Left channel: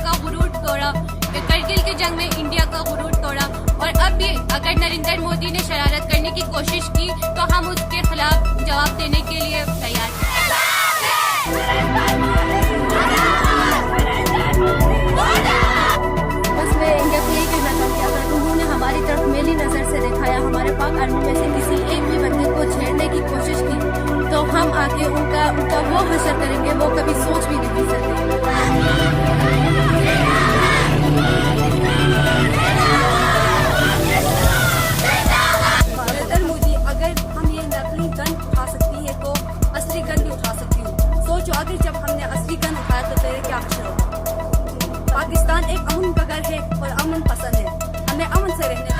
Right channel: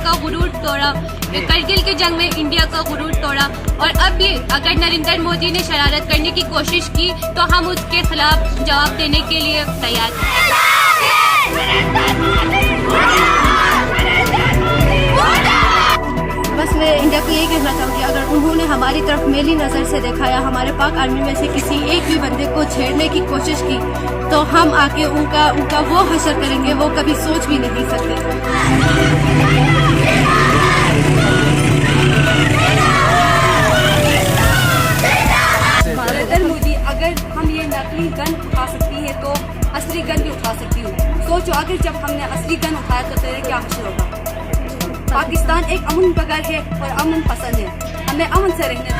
का गुरूर तोड़ा, करगिल की जंग में इंडिया का गुरूर तोड़ा, और अब भी अगर नरेंद्र मोदी ने शरारत करने की कोशिश की तो हम उसके खिलाफ जवाब देने के लिए तैयार हैं। बस मैं इंडिया को यही कहना चाहूँगी, अगर उन्होंने हमारी तरफ मेली नज़र से देखा या हमारे पाक आर्मी में से किसी एक भी बंदे को छेड़ने की कोशिश की तो हम आके उनका वो हशर करेंगे, वो कभी सोच भी नहीं सकते। नरेंद्र मोदी, अगर हम ये नकली गन उठा सकती है तो असली गन भी उठा सकती हूँ। सोचो अगर जब हमने असली गन उठाया तो तेरे क्या हशर होगा। पाकिस्तान एक अमन बगैर है और अमन पसंद है, हमें अमन से रहने दो।